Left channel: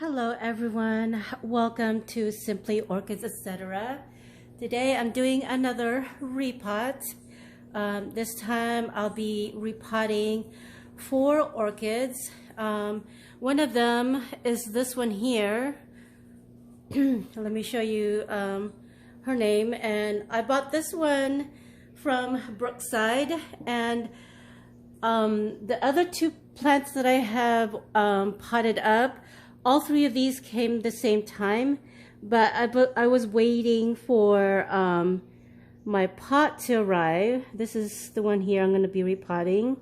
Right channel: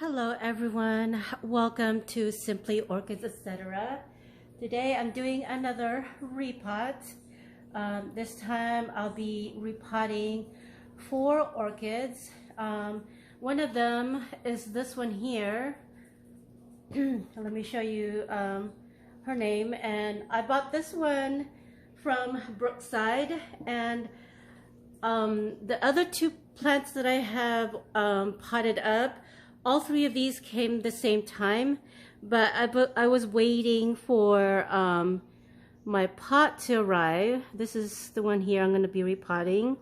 Hello everyone, welcome to Simply Orchids, etc. Today I'm doing another repot. This time I'll be repotting 4 orchids. One of them is this one here. Let me show you her name. And I bought this one from Brookside, and the other 2 plants that I have potted up, all 3 of these came the same time, but I was waiting for my pot to arrive. This is the one here I'm going to be repotting.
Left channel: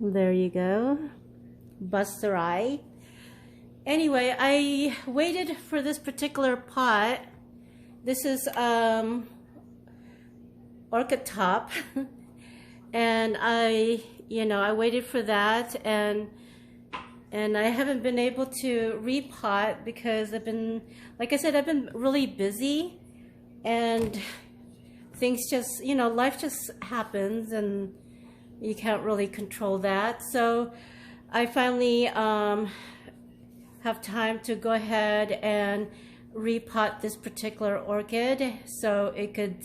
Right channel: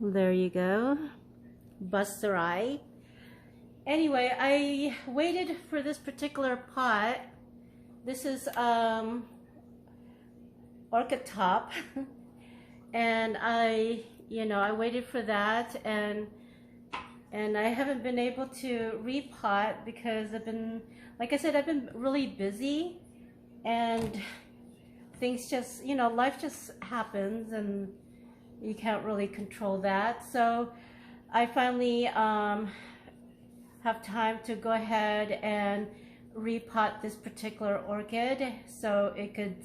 There you go. BOSSERI. Anyway, I waited for this particular pot. This is orchid top. And I waited for that, and I haven't been able to repot because I've been, like I said, I've been really busy, and things just, life just happens and you can't really control that. So I finally have time to go ahead and repot this particular orchid so it could,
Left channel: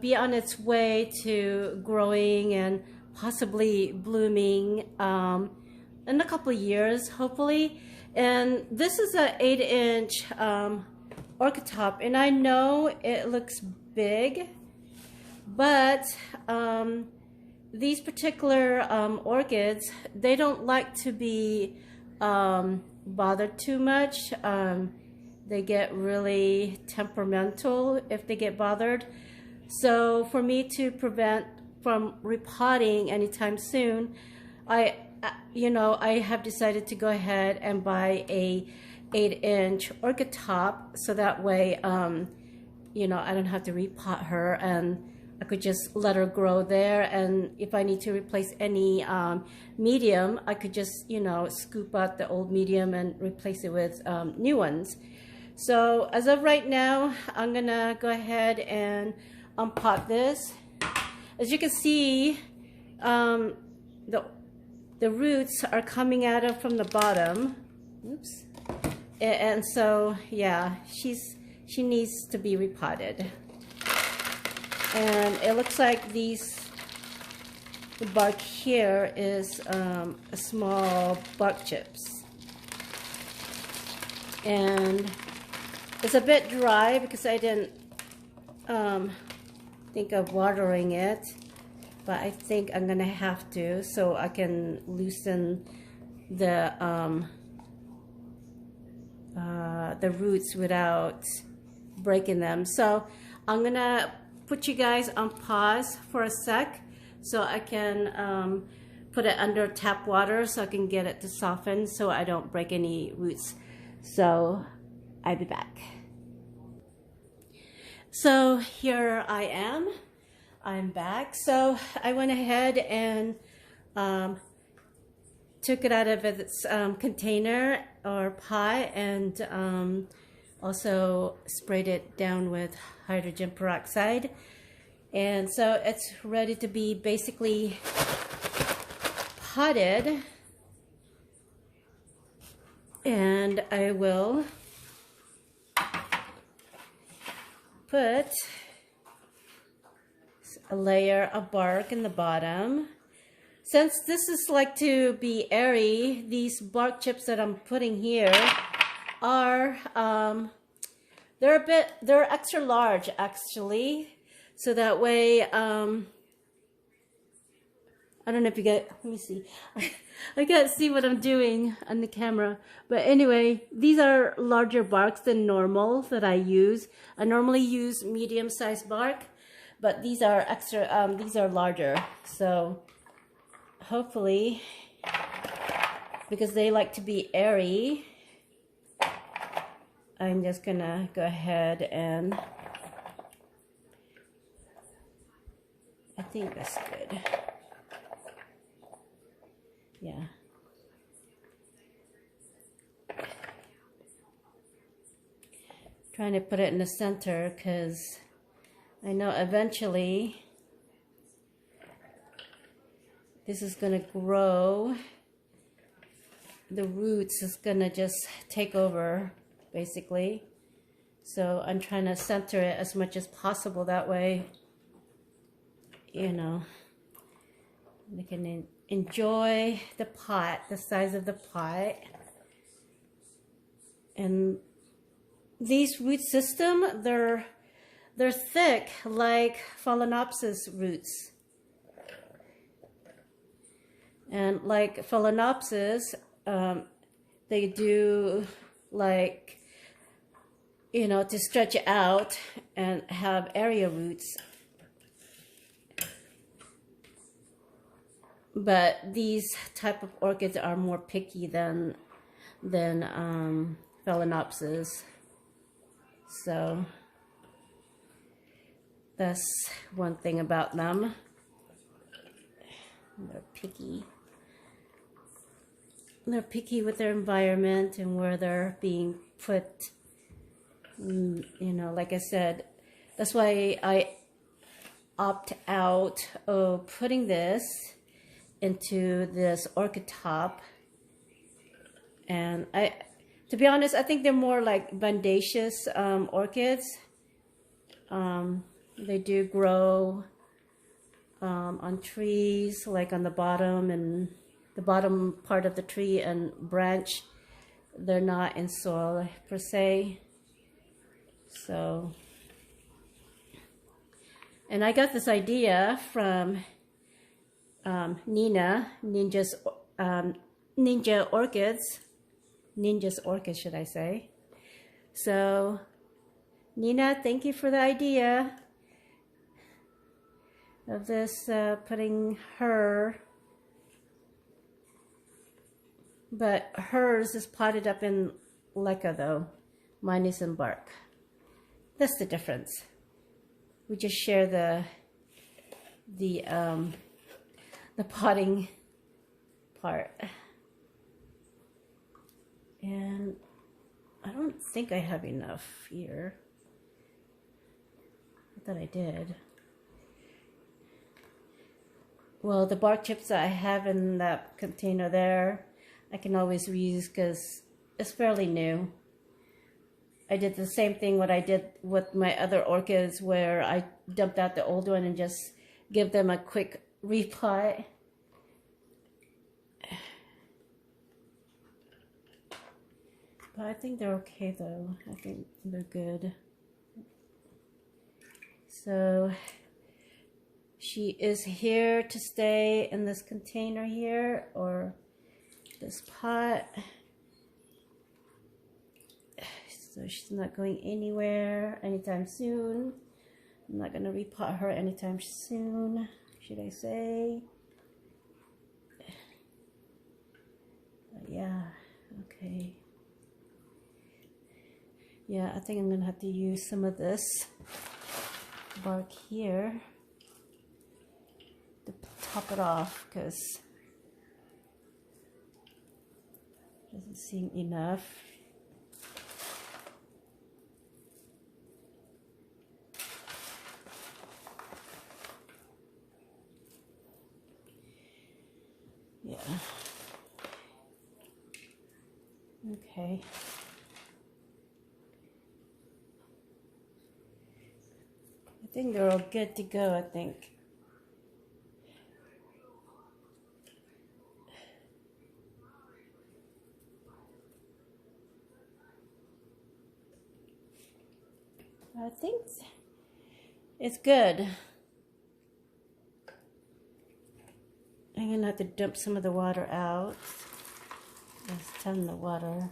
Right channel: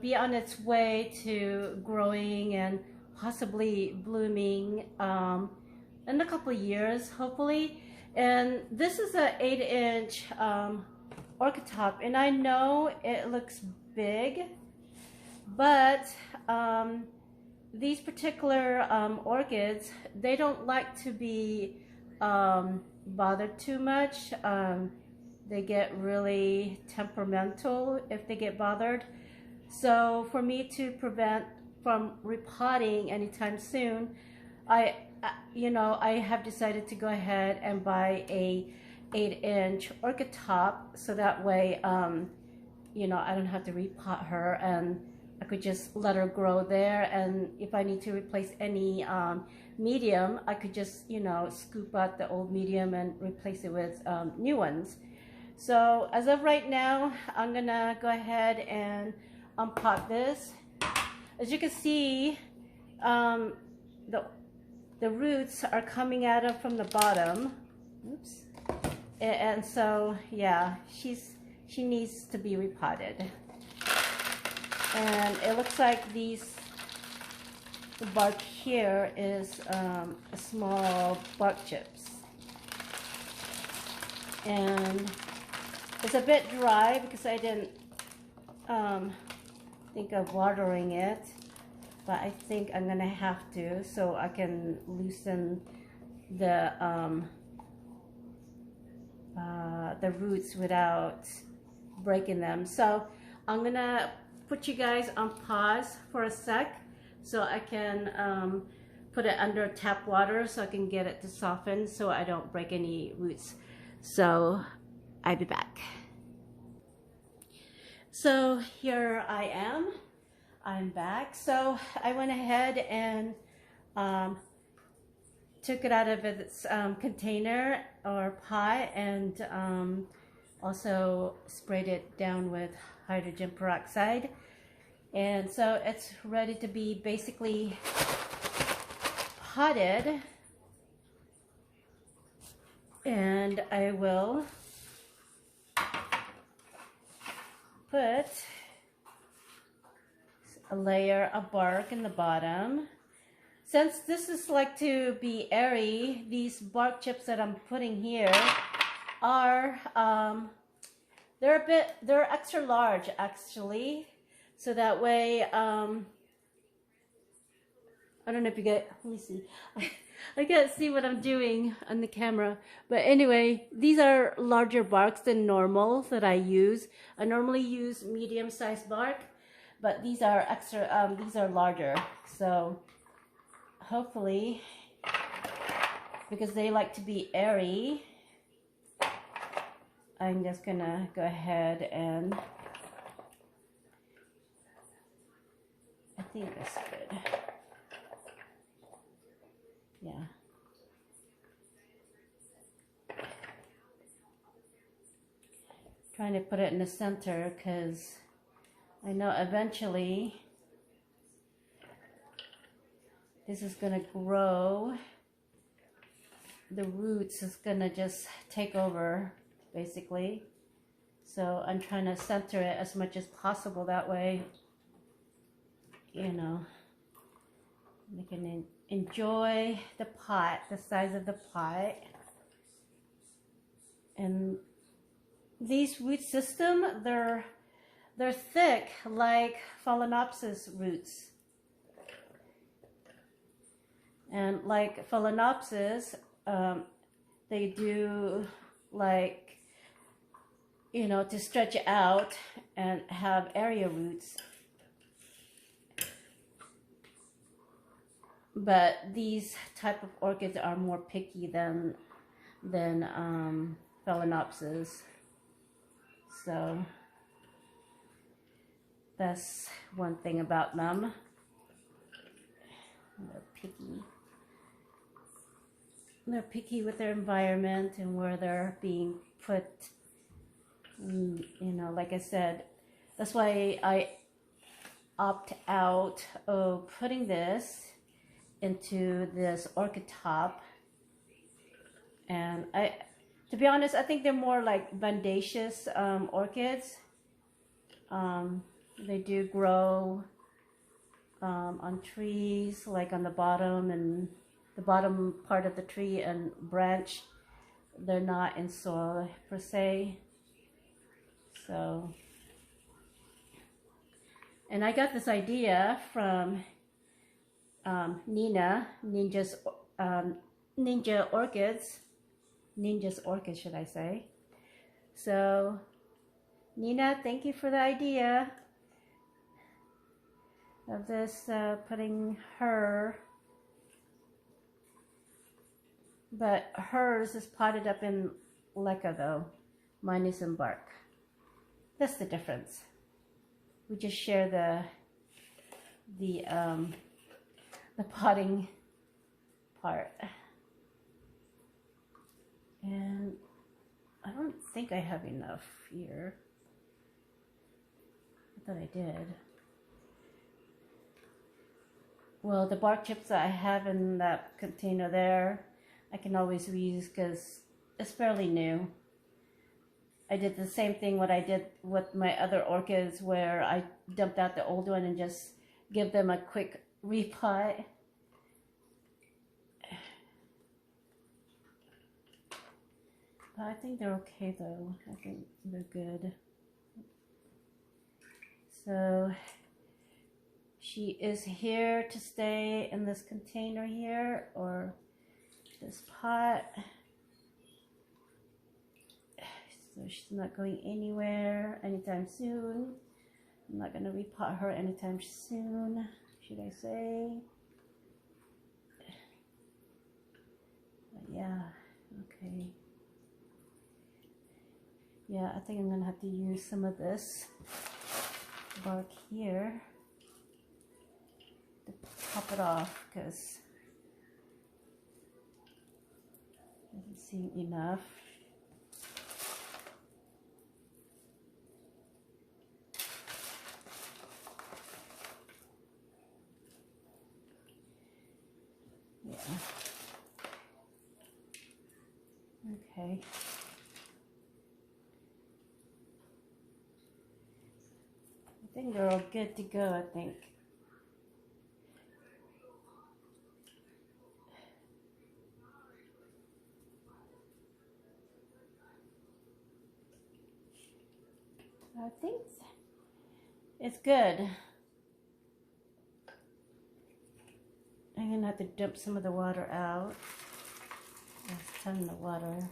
be on its way to growing and possibly blooming in a couple of years, hopefully. And this is an 8-inch orchid top, and I know it looks big, but these particular orchids, they don't like to be bothered too much. They get really temperamental if they get bothered. So for me to prevent from repotting anytime soon, I have decided to go ahead and buy a 8-inch orchid top, so that way, I don't have to repot her, and I could just let her grow there. And if I need to replace any medium, I could just, scoop out the old medium and replace it with new ones. So as of right now, I'm gonna go ahead and unpot this. As you can see, the roots are coming out of from the bottom. Oops. And so yeah, she needs to be repotted. And it looks like the bark here is a small bark chips, and it's a bit dry because I didn't think of watering it, but I think I'm gonna have to, so I can loosen the roots without breaking them. So I'm gonna put you guys on pause for a sec so I can put it under tap water so I can get it to soften so I don't break any roots. So I'll be back. So here I am. I'm back. So I went ahead and took it out of its container or pot, and also sprayed it down with hydrogen peroxide. And so it's ready to be basically potted. And I will put a layer of bark in the bottom. Since this is like to be airy, these bark chips that I'm putting here are they're extra large actually, so that way I don't know if you get, let me see. I can't see what I'm doing on the camera. But anyway, these are larger barks than normal that I use. I normally use medium-sized bark, but these are extra, these are larger. So hopefully, because they like to be airy, I'm just gonna go ahead and I think that's good. Yeah. Trying to put it in the center because I know eventually this is gonna grow. The roots is gonna just take over, basically. So I'm trying to center it as much as possible. That way, you know, we can enjoy the pot, the size of the pot. And these root system, they're thick like Phalaenopsis roots. And like Phalaenopsis, they do like, you know, to stretch it out and have area roots. But these type of orchids are more picky than Phalaenopsis. So that's one thing about them. They're picky. They're picky with their environment and where they're being put. You know, like I said, that's why I opt out of putting this into this orchid top. And to be honest, I think they're more like bandaceous orchids. They do grow on trees, like on the bottom and the bottom part of the tree and branch. They're not in soil per se. So, and I got this idea from Nina, Ninja's Orchids, should I say. So, Nina, thank you for the idea of this, putting her, but hers is potted up in leca though. Mine is in bark. That's the difference. We just share the potting part. And I don't think I have enough here. I thought I did. Well, the bark chips that I have in that container there, I can always reuse because it's fairly new. I did the same thing what I did with my other orchids, where I dumped out the old one and just give them a quick repot. But I think they're okay though. I think they're good. So she is here to stay in this container here, or this pot. So she's not going anywhere anytime soon. I'm not going to repot her anytime soon, should I say. But yeah, okay. Yeah, I think I'm going to have to use some of this bark here to top it off, because it doesn't seem enough. Yeah. Okay. I think they're all good to go, I think. I think it's good. I'm gonna have to dump some of the water out. Let's ton the water.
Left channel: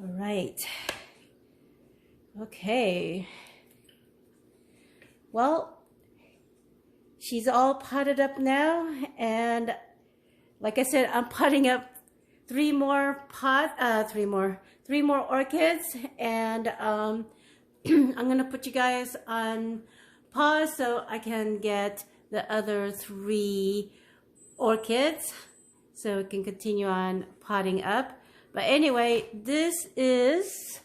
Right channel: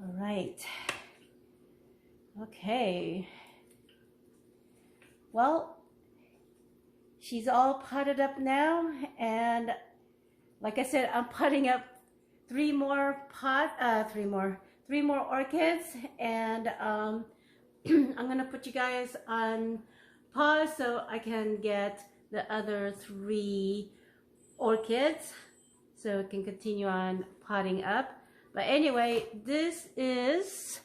All right. Okay. Well, she's all potted up now, and like I said, I'm potting up three more orchids, and I'm gonna put you guys on pause so I can get the other 3 orchids so we can continue on potting up. But anyway, this is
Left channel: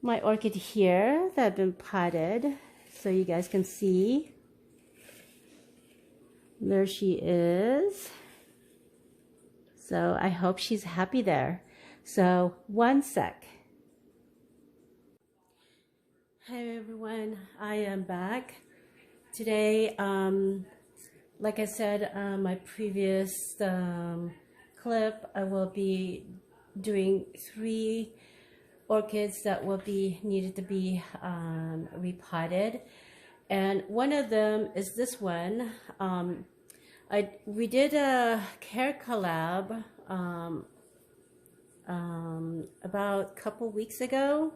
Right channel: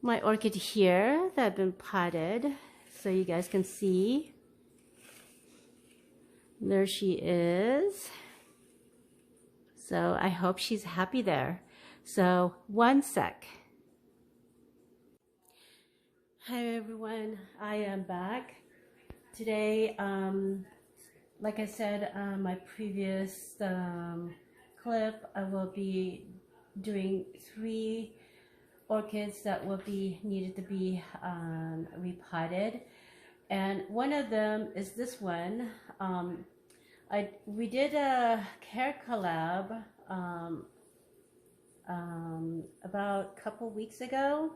my orchid here that have been potted so you guys can see. There she is. So I hope she's happy there. So one sec. Hey everyone, I am back. Today, like I said, my previous clip, I will be doing 3 orchids that will be needed to be repotted, and one of them is this one. We did a care collab about a couple weeks ago,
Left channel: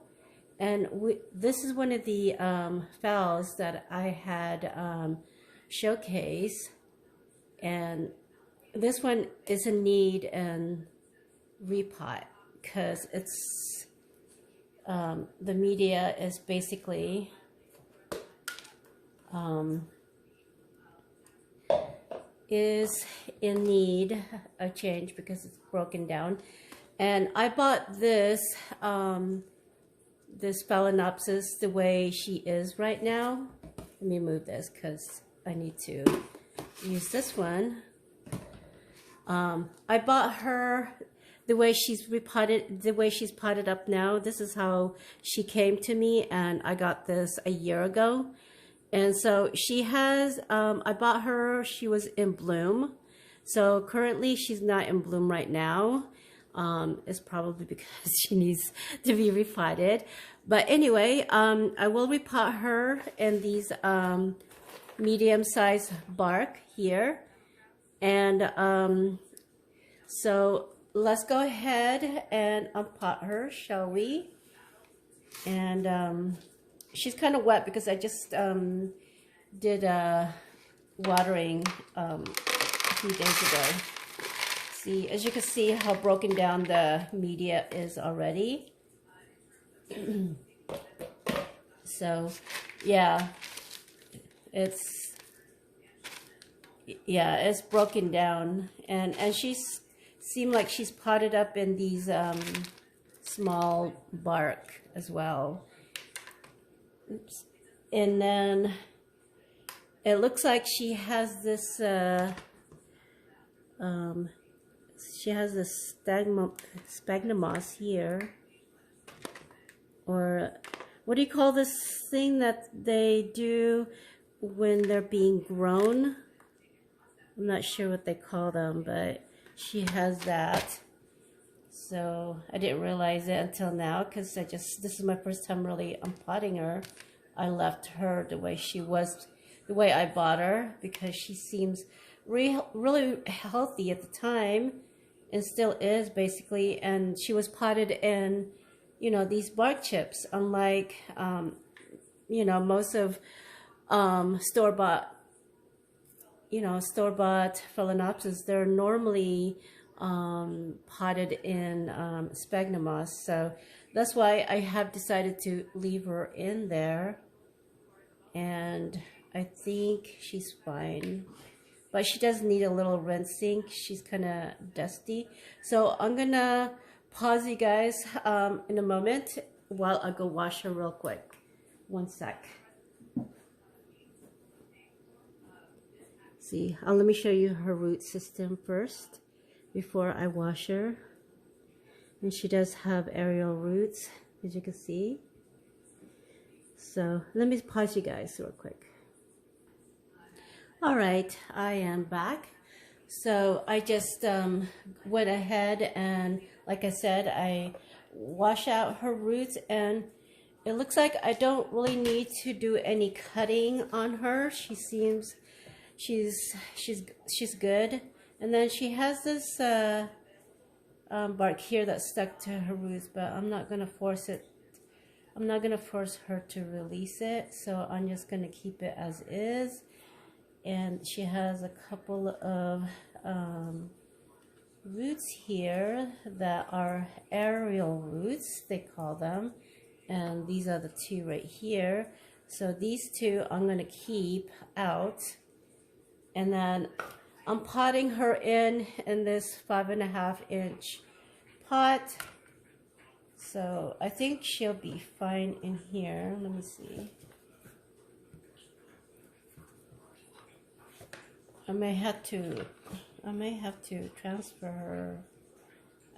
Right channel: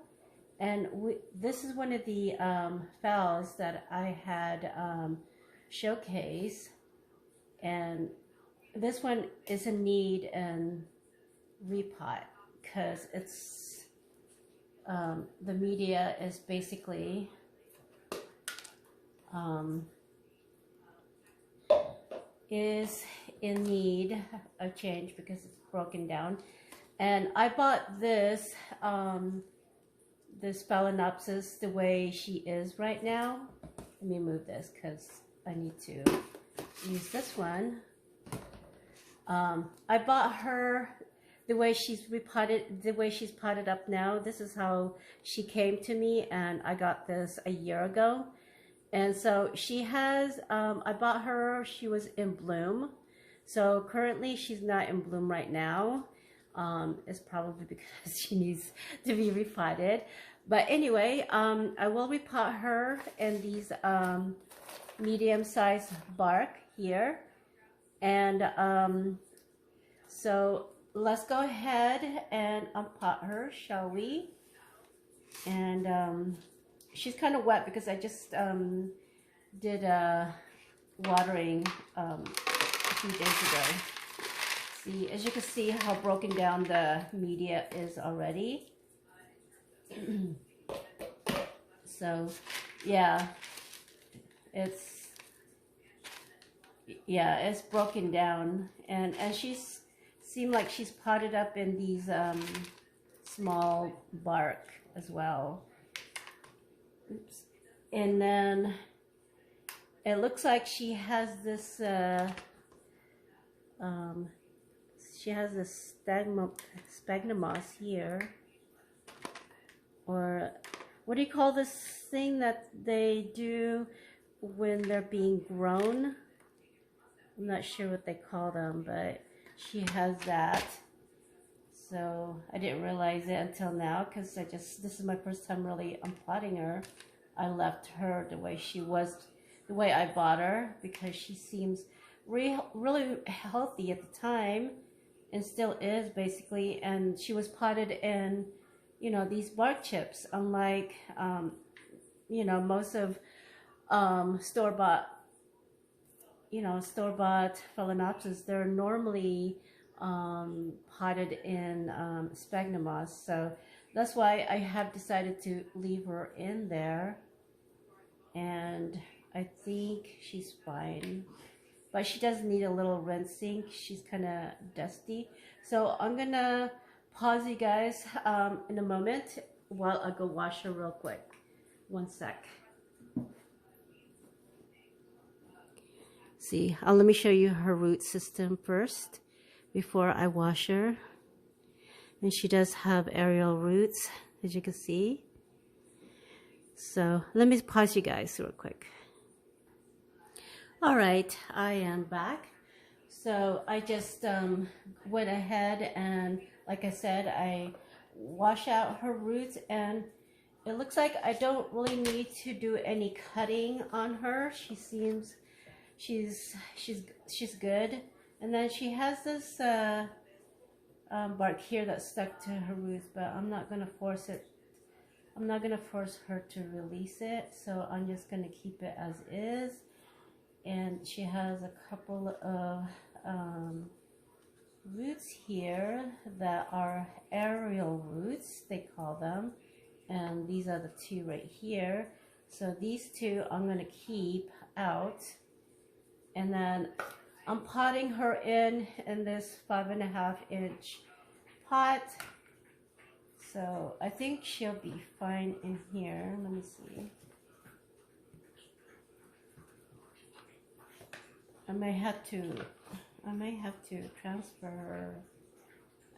and this is one of the phals that I had showcased, and this one is in need and repot because it's the media is basically is in need of change because it's broken down. And I bought this this Phalaenopsis the way she is right now. Let me move this because I need to use this one. I bought her the way she's repotted, the way she's potted up now. This is how she came to me, and I got this a year ago. And so she has, I bought her, she was in bloom. So currently she's not in bloom right now. It's probably because she needs to be repotted. But anyway, I will repot her in these medium-sized bark here. And so let's go ahead and unpot her, shall we? And she's kind of wet because I just did a watering a few days ago. See, as you can see how broken down the media is already. So yeah, it's broken down, and she's seemed like she's potted up in these small bark as well. Oops. And then it looks like she has this sphagnum moss here, or what do you call this thing that they do when they're being grown? I'm not sure what they call them, but she has that. So I didn't realize it until now because this is my first time really unpotting her. I left her the way she was, the way I bought her, because she seems really healthy at the time and still is basically. And she was potted in, you know, these bark chips, unlike, you know, most of store-bought Phalaenopsis. They're normally potted in sphagnum moss, so that's why I have decided to leave her in there, and I think she's fine, but she does need a little rinsing. She's kind of dusty, so I'm gonna pause you guys in a moment while I go wash her real quick. One sec. See, let me show you her root system first before I wash her. And she does have aerial roots, as you can see. So let me pause you guys real quick. All right, I am back. So I just went ahead and, like I said, I wash out her roots, and it looks like I don't really need to do any cutting on her. She seems she's good. And then she has this bark here that's stuck to her roots, but I'm not gonna force it. I'm not gonna force her to release it, so I'm just gonna keep it as is. And she has a couple of roots here that are aerial roots, they call them, and these are the 2 right here. So these 2 I'm gonna keep out, and then I'm potting her in this 5.5-inch pot. So I think she'll be fine in here. Let me see. I may have to transfer her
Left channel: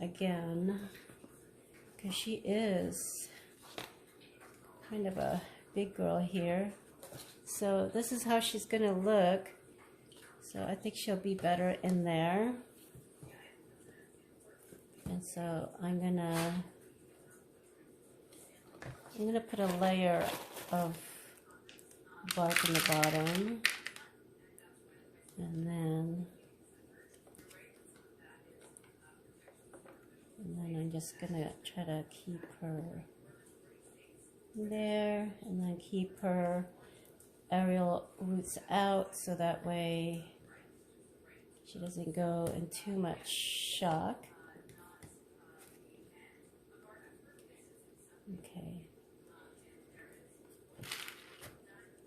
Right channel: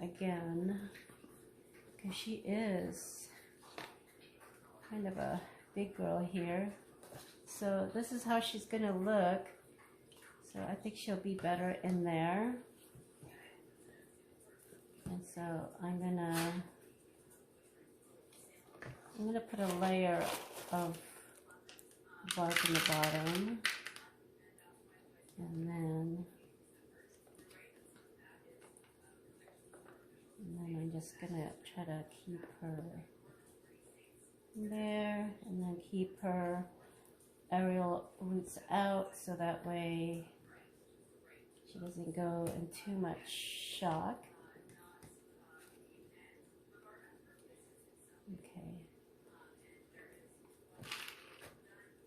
again, because she is kind of a big girl here. So this is how she's gonna look. So I think she'll be better in there. And so I'm gonna put a layer of bark in the bottom, and then I'm just gonna try to keep her there, and then keep her aerial roots out, so that way she doesn't go in too much shock. Okay.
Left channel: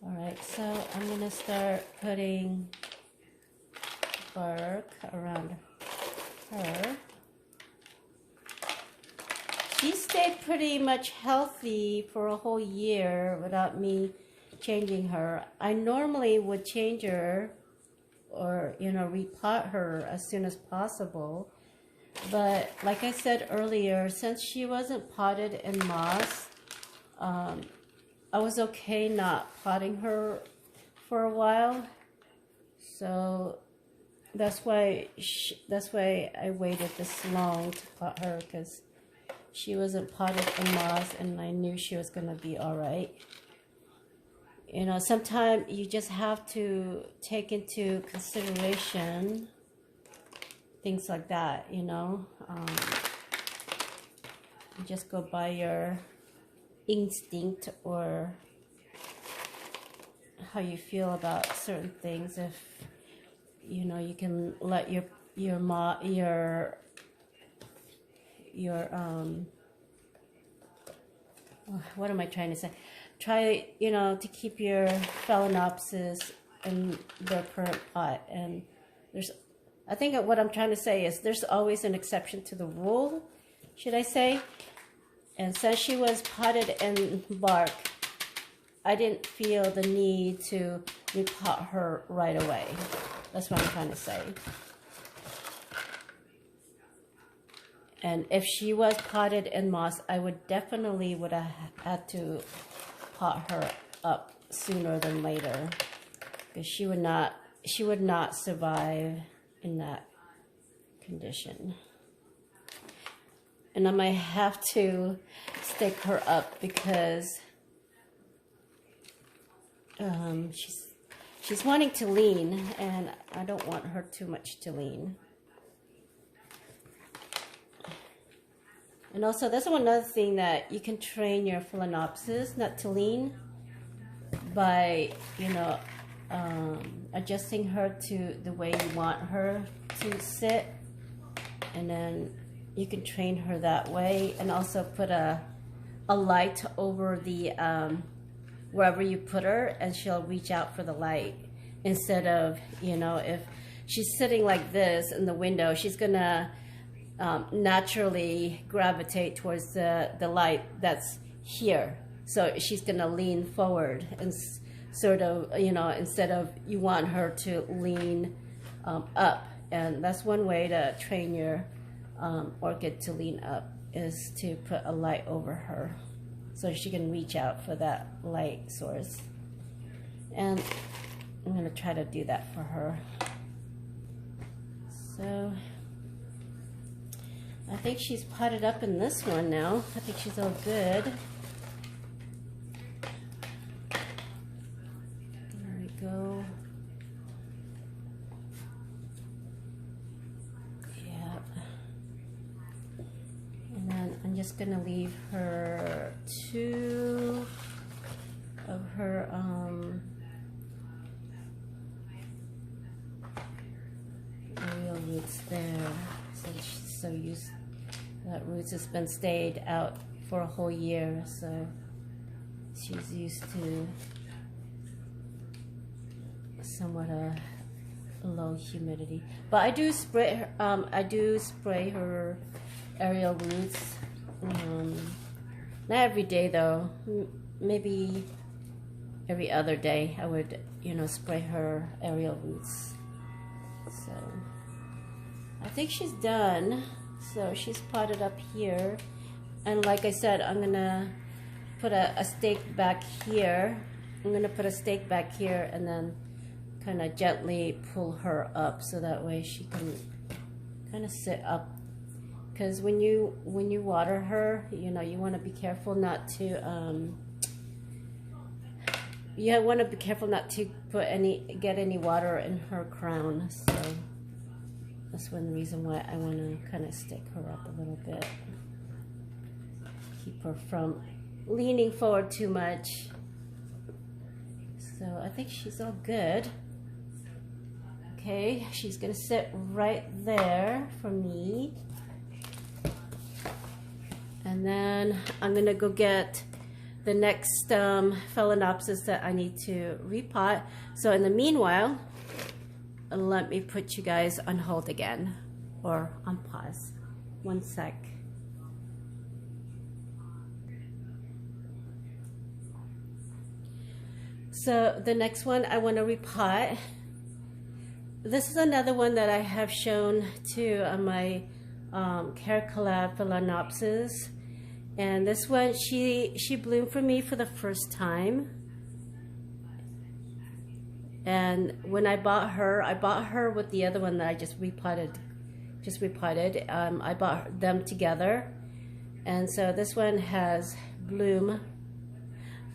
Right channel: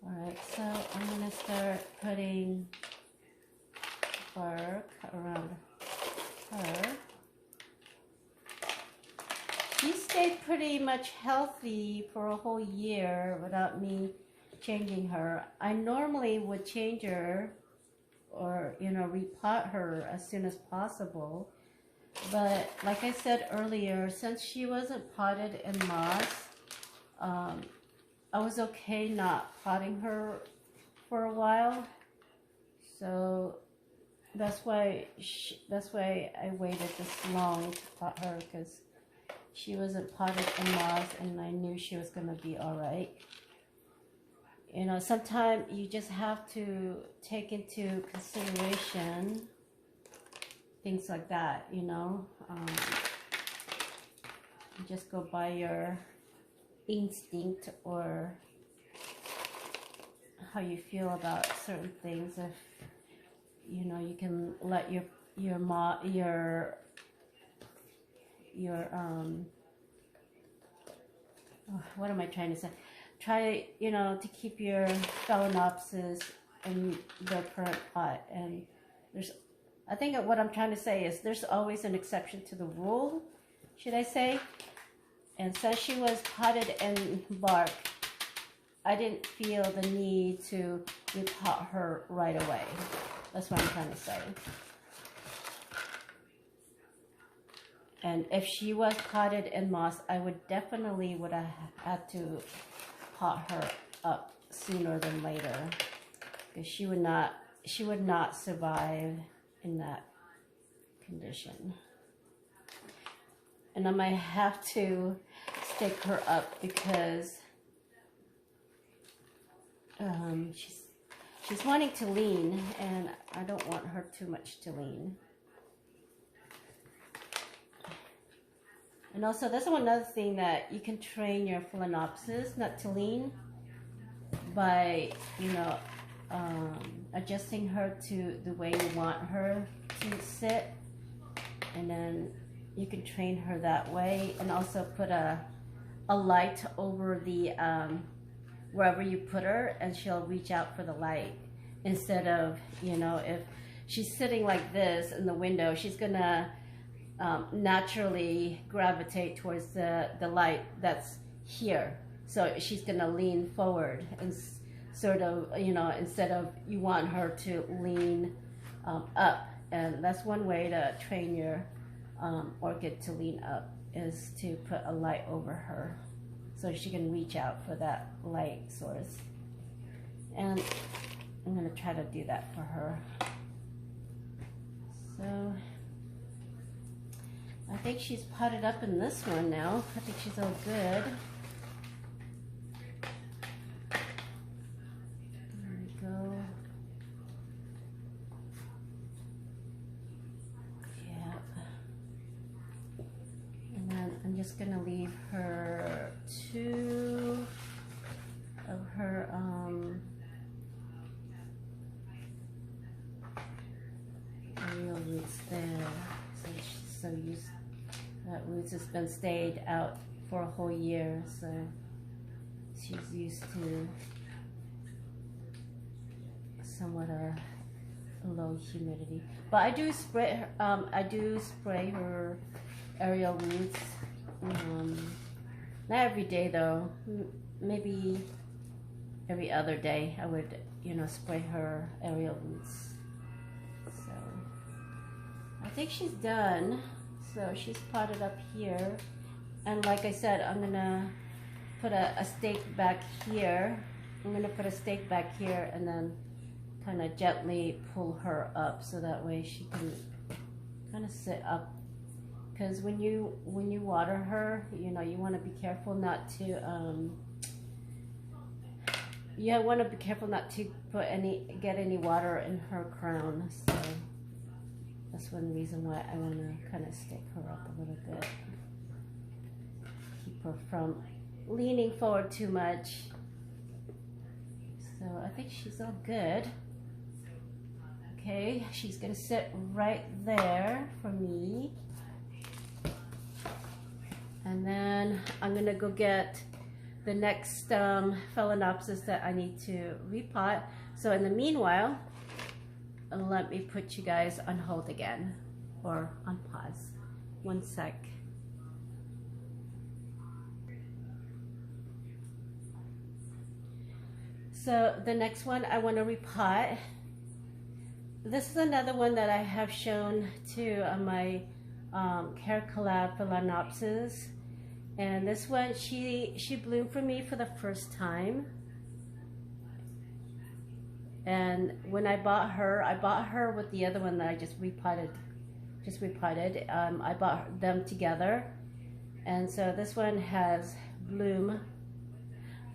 All right, so I'm gonna start putting bark around her. She stayed pretty much healthy for a whole year without me changing her. I normally would change her, or repot her as soon as possible. But like I said earlier, since she wasn't potted in moss, I was okay not potting her for a while. So that's why I waited this long to pot her, because she wasn't potted in moss, and I knew she was gonna be all right. Sometimes you just have to take into consideration things like that, you just go by your instinct or how you feel about certain things. If you can let what am I trying to say? Try, to keep your Phalaenopsis in their current pot. And I think what I'm trying to say is there's always an exception to the rule, should I say. And since she was potted in bark, I didn't feel the need to repot her right away. That's what I'm trying to say. And if she was potted in moss, I would have had to pot her up sooner than later, because she would not survive in that condition. And I might have to stake her up, because she's wanting to lean, and I don't want her too much to lean. And also, that's another thing, that you can train your Phalaenopsis not to lean by, adjusting her to the way you want her to sit. And then you can train her that way, and also put a light over the wherever you put her, and she'll reach out for the light. Instead of, if she's sitting like this in the window, she's gonna naturally gravitate towards the light that's here. So she's gonna lean forward, and sort of, instead of, you want her to lean up. And that's one way to train your orchid to lean up, is to put a light over her, so she can reach out for that light source. And I'm gonna try to do that for her. So I think she's potted up in this one now. I think she's all good. There we go. Yeah. And then I'm just gonna leave her 2 of her aerial roots there. So she's so used. That roots has been stayed out for a whole year, so she's used to somewhat a low humidity. But I do spray her, aerial roots Not every day though, maybe every other day I would, you know, spray her aerial roots. So I think she's done. So she's potted up here, and like I said, I'm gonna put a stake back here. I'm gonna put a stake back here and then kind of gently pull her up so that way she can kind of sit up. Because when you water her, you know, you want to be careful not to put get any water in her crown. So that's one reason why I want to kind of stick her up a little bit, keep her from leaning forward too much. So I think she's all good. Okay, she's gonna sit right there for me. And then I'm gonna go get the next Phalaenopsis that I need to repot. So in the meanwhile, let me put you guys on hold again, or on pause. One sec. So the next one I want to repot. This is another one that I have shown to on my Care Collab Phalaenopsis. And this one, she bloomed for me for the first time. And when I bought her with the other one that I just repotted. I bought them together. And so this one has bloom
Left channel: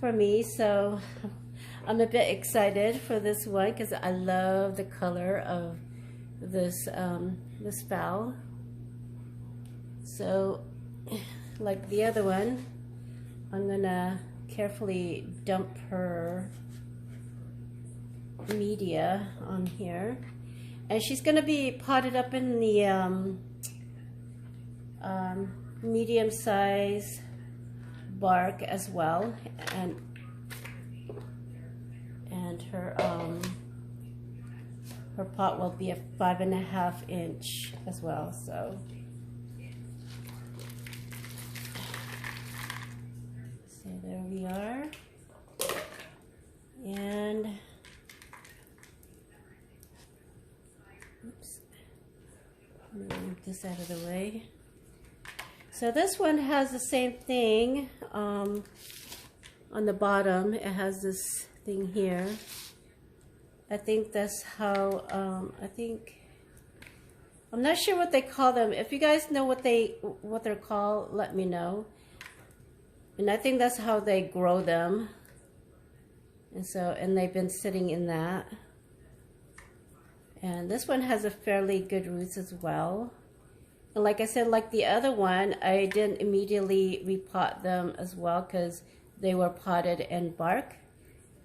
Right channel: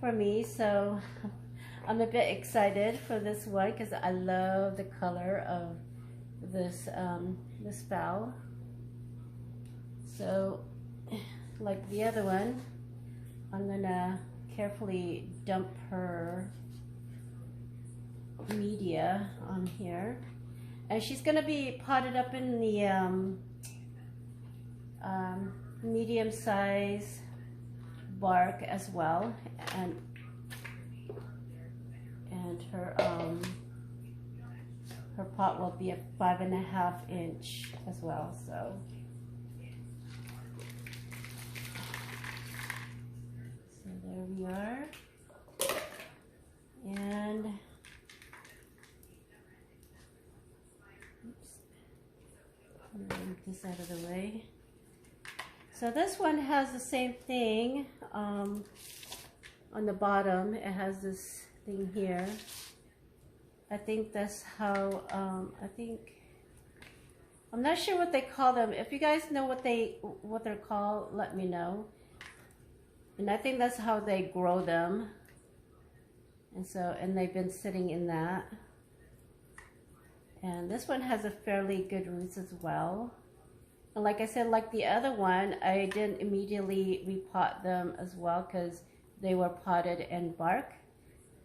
for me. So I'm a bit excited for this one because I love the color of this this phal. So like the other one, I'm gonna carefully dump her media on here, and she's gonna be potted up in the medium size bark as well, and her pot will be a 5.5 inch as well. So there we are, and oops, I'm gonna move this out of the way. So this one has the same thing on the bottom. It has this thing here. I think that's how I'm not sure what they call them. If you guys know what they're called, let me know. And I think that's how they grow them. And they've been sitting in that. And this one has a fairly good roots as well. And like I said, like the other one, I didn't immediately repot them as well because they were potted in bark.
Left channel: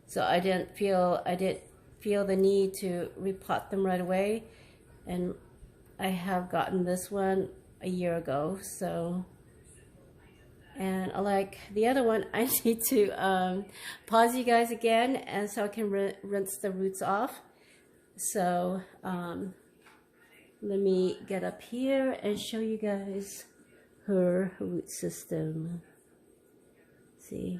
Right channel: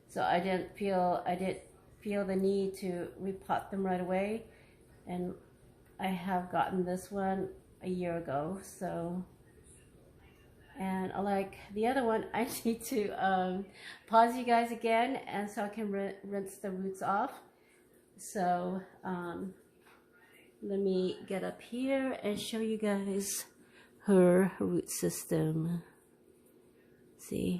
So I didn't feel the need to repot them right away. And I have gotten this one a year ago. So, and like the other one, I need to pause you guys again, and so I can rinse the roots off. So let me get up here and show you guys her root system. See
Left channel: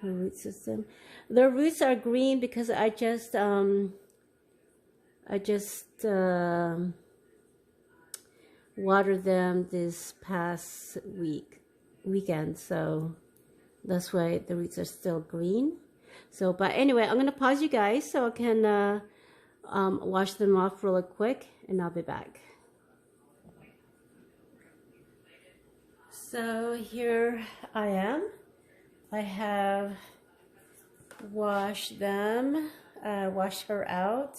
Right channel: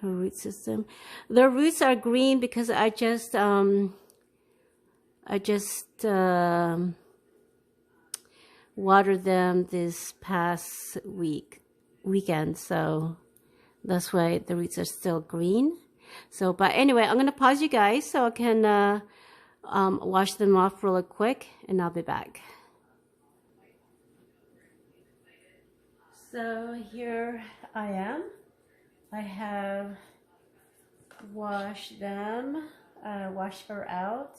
her root system. The roots are green because I just watered them this past weekend, so that's why the roots are still green. So, but anyway, I'm gonna pause you guys so I can wash them off really quick, and I'll be back. So here I am. I have washed them, washed her out,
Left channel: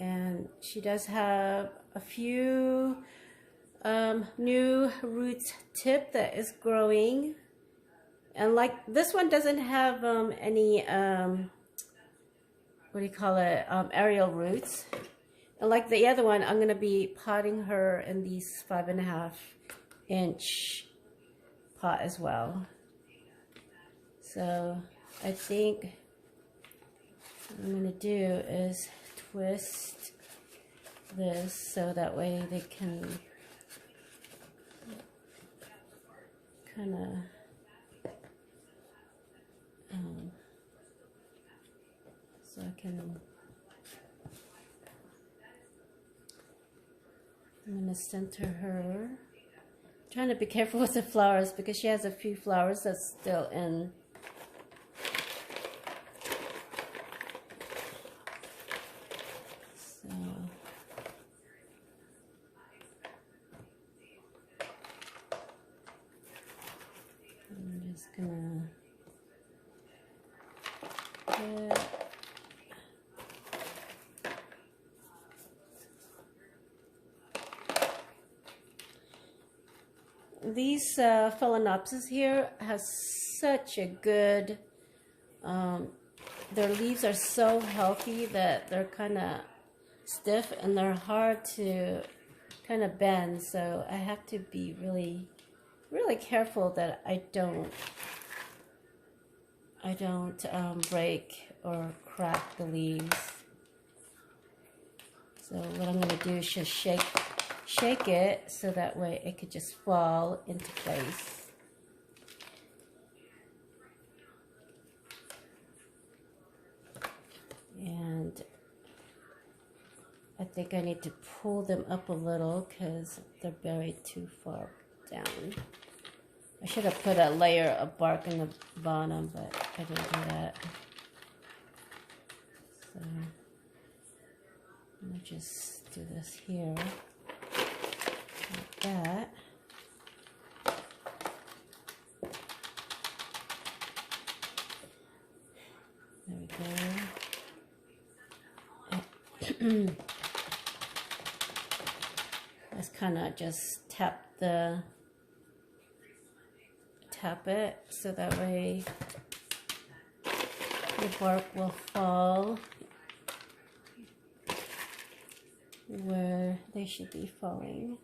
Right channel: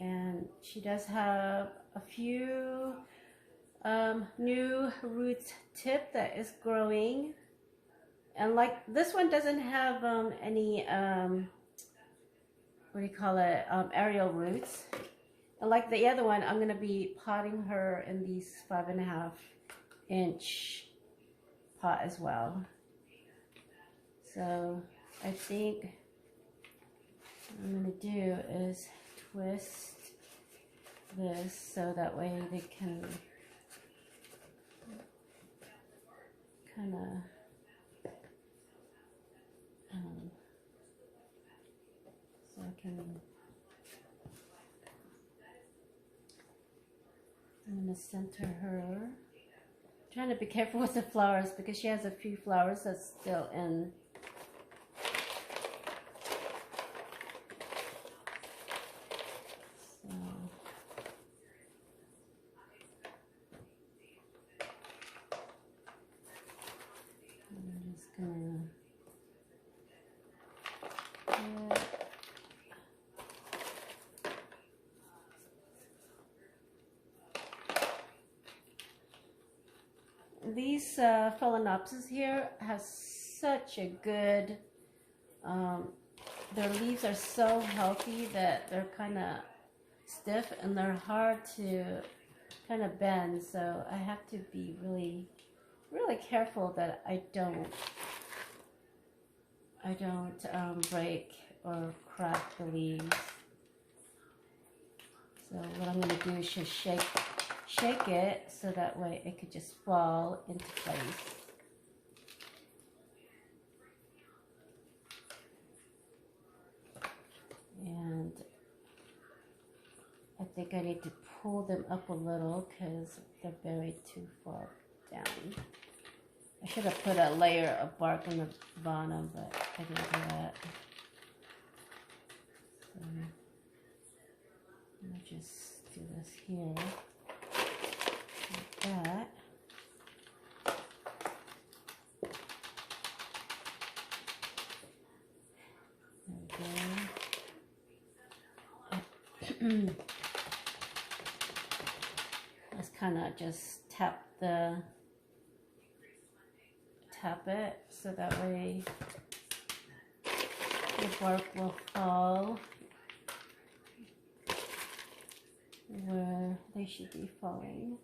and she does have a few new root tip that is growing, and like this one doesn't have any what do you call it, aerial roots. And like the other one, I'm gonna be potting her in these 5.5 inch pot as well. So I think what I'm gonna do is twist this so that way they can kind of so I can. I'm gonna center her. Trying to be careful with the flowers because she has a few flowers that's still in. So I'm just gonna these Phalaenopsis here has such a good, their leaves are so healthy that they're kind of stiff and they're hard to kind of bend, so I have to be really careful that I don't break or crack the leaves. So what I'm going to do is just shake it so that way it could just fall into place. And I think I need to pull them up a little because they're buried too far down. I should have put a layer of bark in the bottom, but I didn't do that. So I'll just do this here, like that. There we go. Let's kind of just tap it so that way the bark will fall where they should be falling.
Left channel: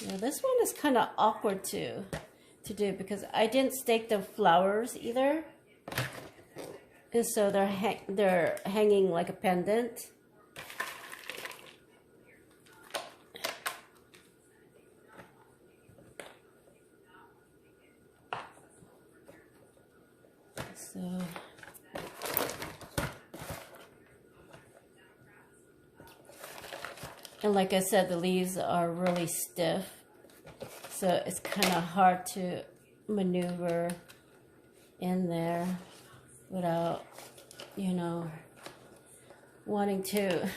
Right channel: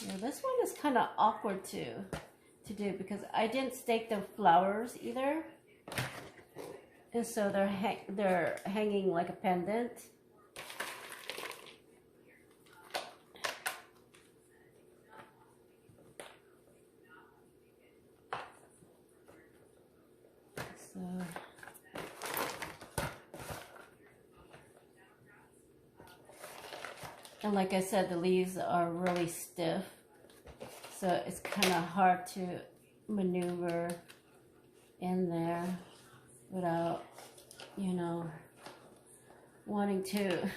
Yeah, this one is kind of awkward to do because I didn't stake the flowers either, and so they're hanging like a pendant. So and like I said, the leaves are really stiff, so it's kind of hard to maneuver in there without, you know, wanting to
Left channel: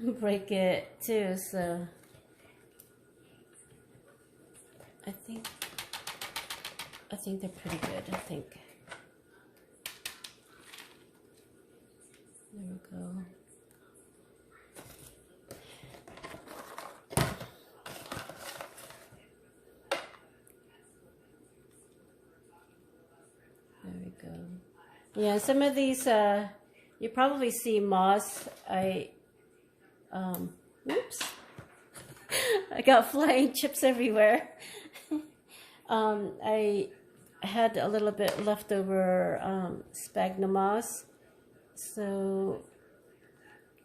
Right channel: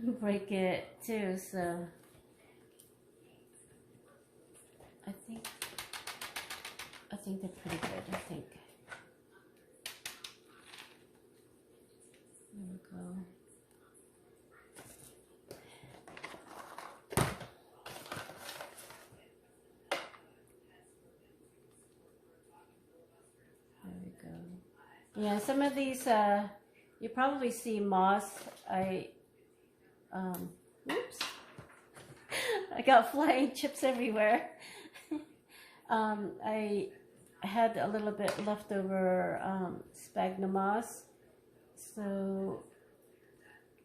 break it too. So I think they're pretty good. I think. There we go. Yeah, some of these, you probably see moss. Oops. I got flying chips everywhere. I had a little bit leftover sphagnum moss, so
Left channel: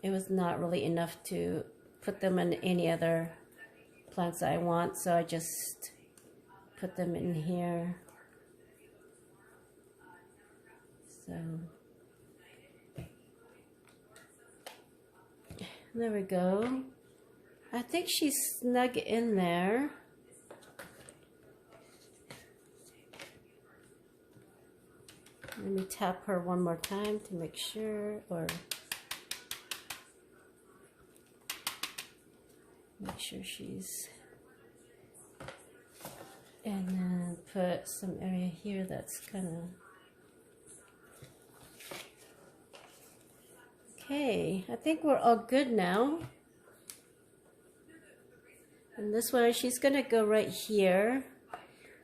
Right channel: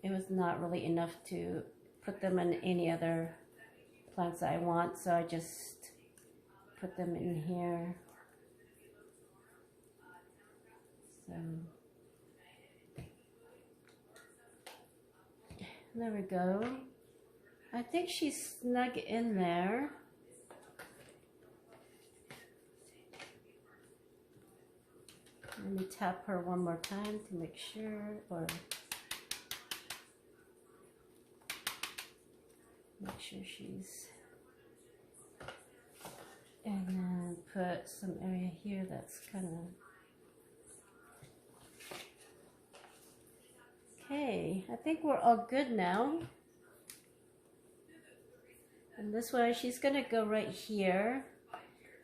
it was not really enough to put them in any other plants I want, so I just put them in here. So there we go. I think she's snug in there. Let me tap her one more time to make sure, or make sure she's, and then put some area here that's kind of, okay, I think we're all good now. And this way she's gonna go right here.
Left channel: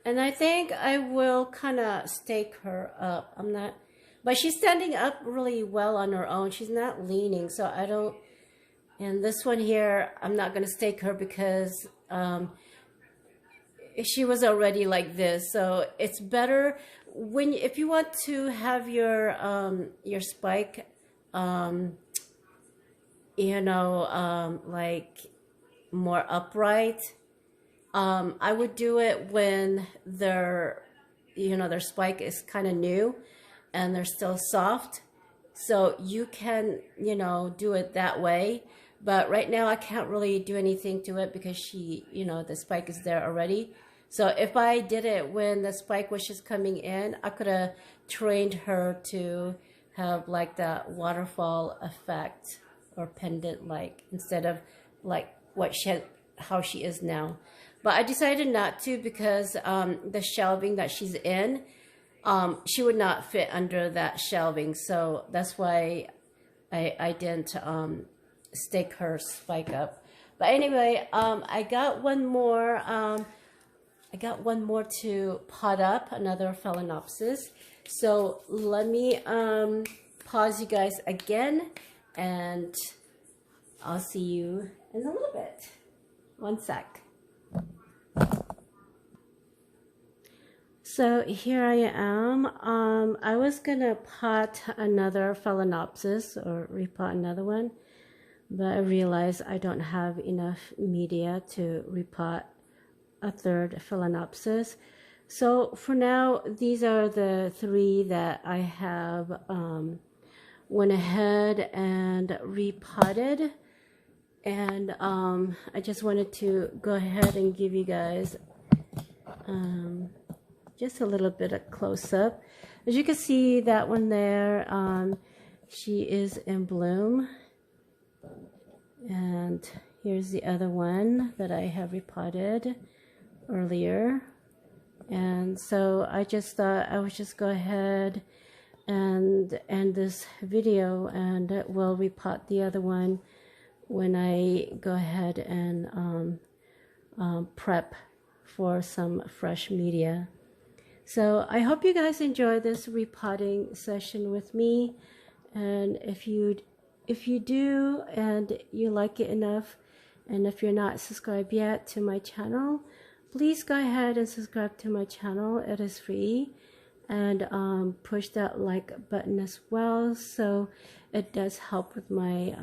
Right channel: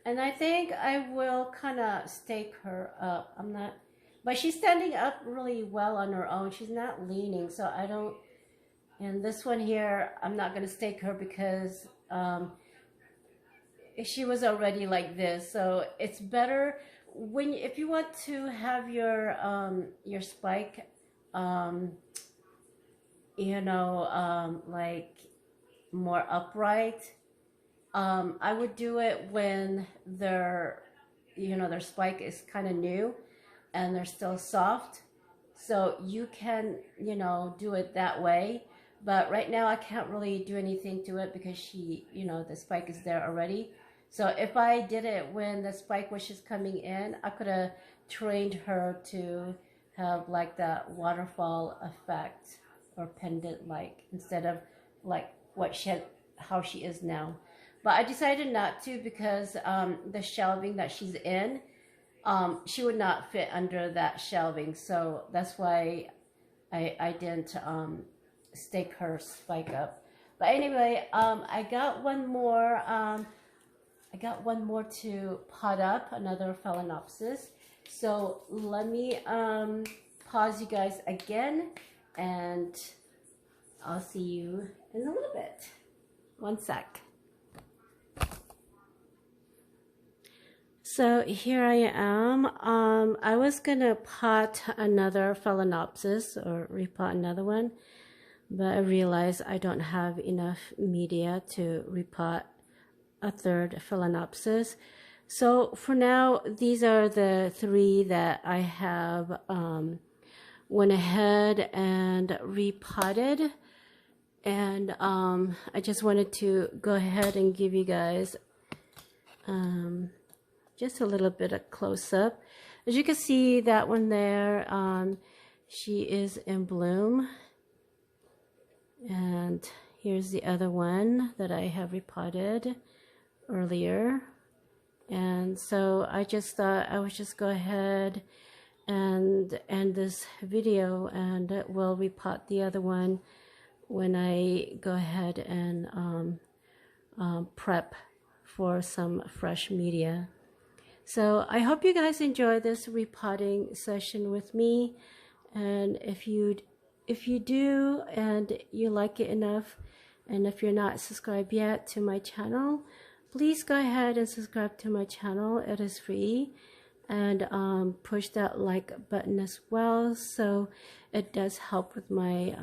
And I think I will kind of stake her up. I'm not, but she's standing up really well on her own. She's not leaning, so I don't, and this one here, I'm not gonna stake her because she was already like this. So it's better when, if you want to have your spike you know, like more upright. I would do it when their, you know, their spike is kind of new and they're still soft. So you can, you know, do it that way. But right now I can't really do anything to it because she, you know, the spike is there already. So if I did it when the spike was just coming in, I could have trained her to have like that waterfall effect or pendant like, instead of like what she had, how she is now. But I decided not to because the shelving that she's in, she would not fit under that shelving. So that's why I didn't stake her spike up. But anyway, I got one more. I got one more to pot up, another Phalaenopsis. So let me pause you guys again, and I'll see you in a little bit. One sec. So here I am. I was gonna pot another Phalaenopsis or repot another one, but I realized I don't have enough media to repot a third Phalaenopsis. So for now, these are the three that I have went ahead and repotted. And I just wanted to go ahead and give you guys just a little bit of close-up. As you can see, that one there, she is in bloom. And here's the other one that I have repotted earlier. And so I just thought I would just go ahead and end this video, and we'll repot the other one when I go ahead and prep for some fresh media. So I hope you guys enjoy this repotting session with me, and if you do and you like it enough, and if you're not subscribed yet to my channel, please go ahead and subscribe to my channel. It is free, and push that like button as well, so it does help with my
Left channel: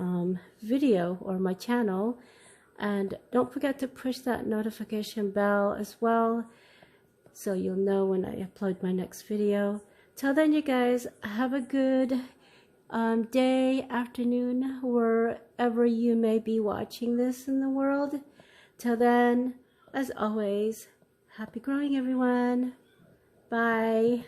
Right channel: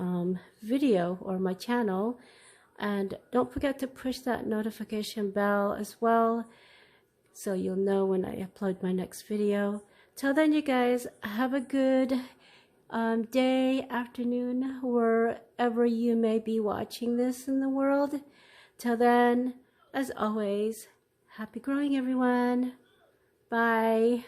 video or my channel. And don't forget to push that notification bell as well, so you'll know when I upload my next video. Till then, you guys, have a good day, afternoon, wherever you may be watching this in the world. Till then, as always, happy growing, everyone. Bye.